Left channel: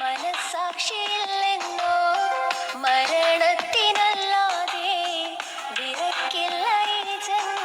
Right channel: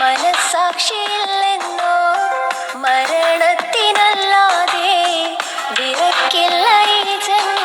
മനസാക്ഷിയില്ലെന്നോ മരണത്തിനല്ലാതെ വിറക്കില്ല ഈ ജന്മം.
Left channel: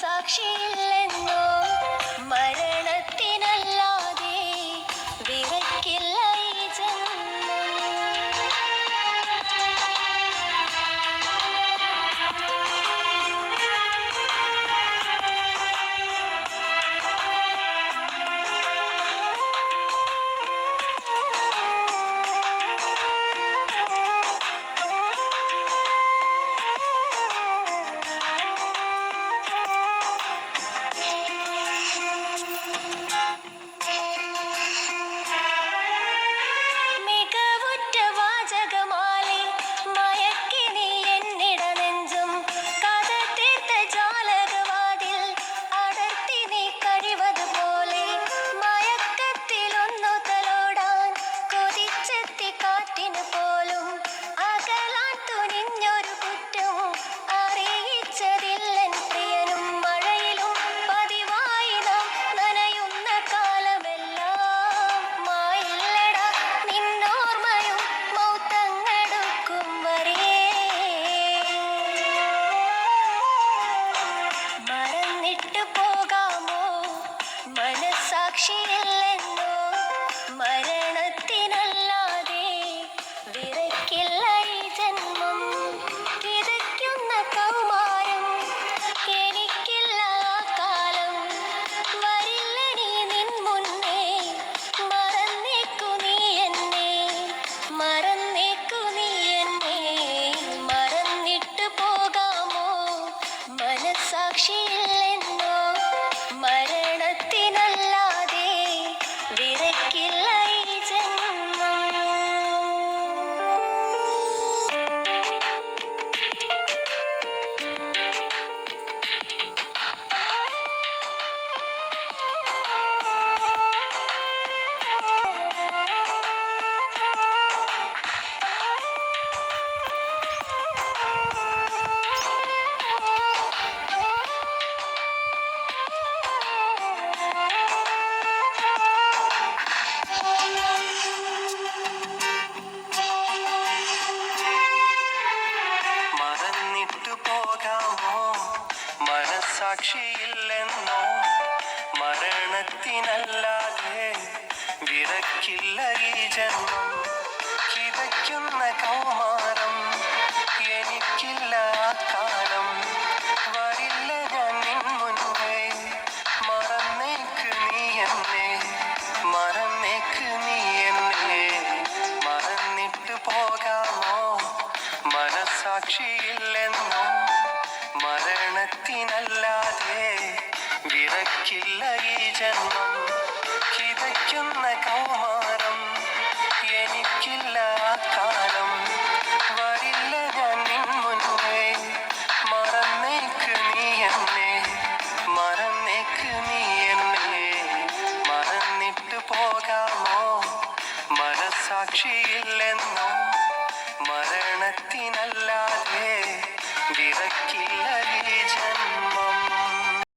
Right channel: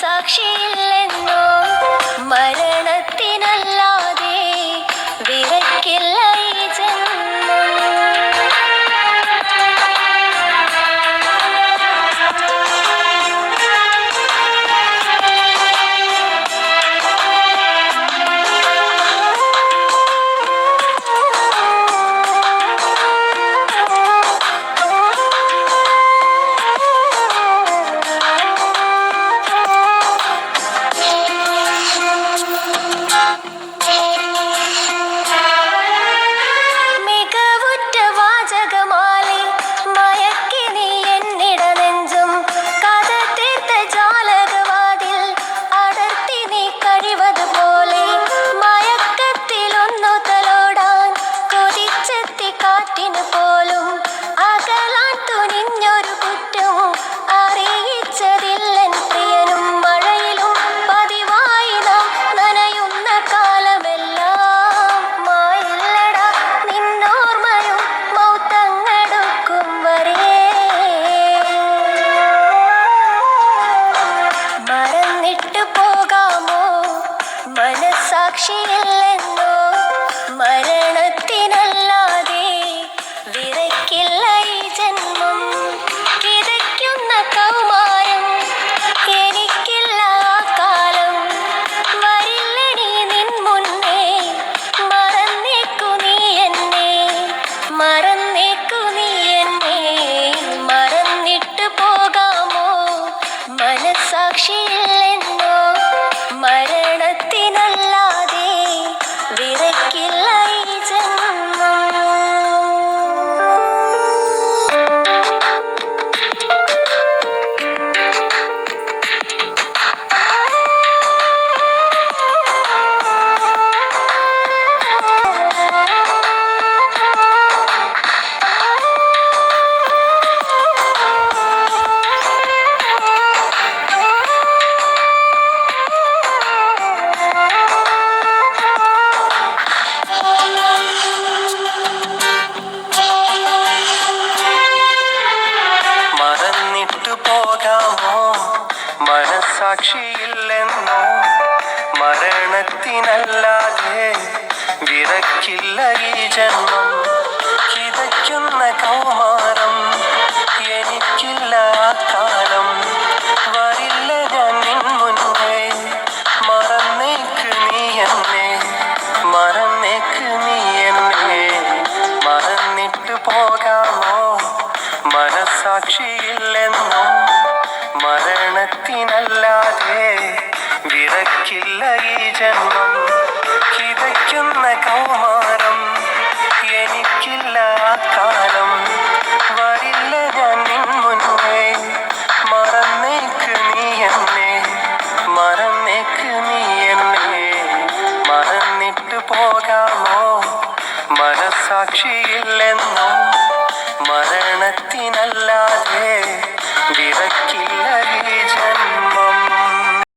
മനസാക്ഷിയില്ലെന്നോ മരണത്തിനല്ലാതെ വിറക്കില്ല ഈ ജന്മം. മനസാക്ഷിയില്ലെന്നോ മരണത്തിനല്ലാതെ വിറക്കില്ല ഈ ജന്മം. കിതയ്ക്കുന്ന കൗമാരം എനിക്കില്ല ആ കാലം. വരില്ലനി നിൻ മുന്നേ മറന്നേക്കു നീ എന്നെ, മറന്നേക്കു നീ എന്നെ. മറന്നിട്ട് പോകാമോ മനസാക്ഷിയില്ലെന്നോ മരണത്തിനല്ലാതെ വിറക്കില്ല ഈ ജന്മം. പോകാമോ മനസാക്ഷിയില്ലെന്നോ മരണത്തിനല്ലാതെ വിറക്കില്ല ഈ ജന്മം. കിതയ്ക്കുന്ന കൗമാരം എനിക്കില്ല ആ കാലം. വരില്ല ഞാൻ നിൻ മുന്നേ മറന്നേക്ക് നീ എന്നെ, മറന്നേക്ക് നീ എന്നെ. മറന്നിട്ട് പോകാമോ മനസാക്ഷിയില്ലെന്നോ മരണത്തിനല്ലാതെ വിറക്കില്ല ഈ ജന്മം. കിതയ്ക്കുന്ന കൗമാരം എനിക്കില്ല ആ കാലം. വരില്ല ഞാൻ നിൻ മുന്നേ മറന്നേക്ക് നീ എന്നെ, മറന്നേക്ക് നീ എന്നെ. മറന്നിട്ട് പോകാമോ മനസാക്ഷിയില്ലെന്നോ മരണത്തിനല്ലാതെ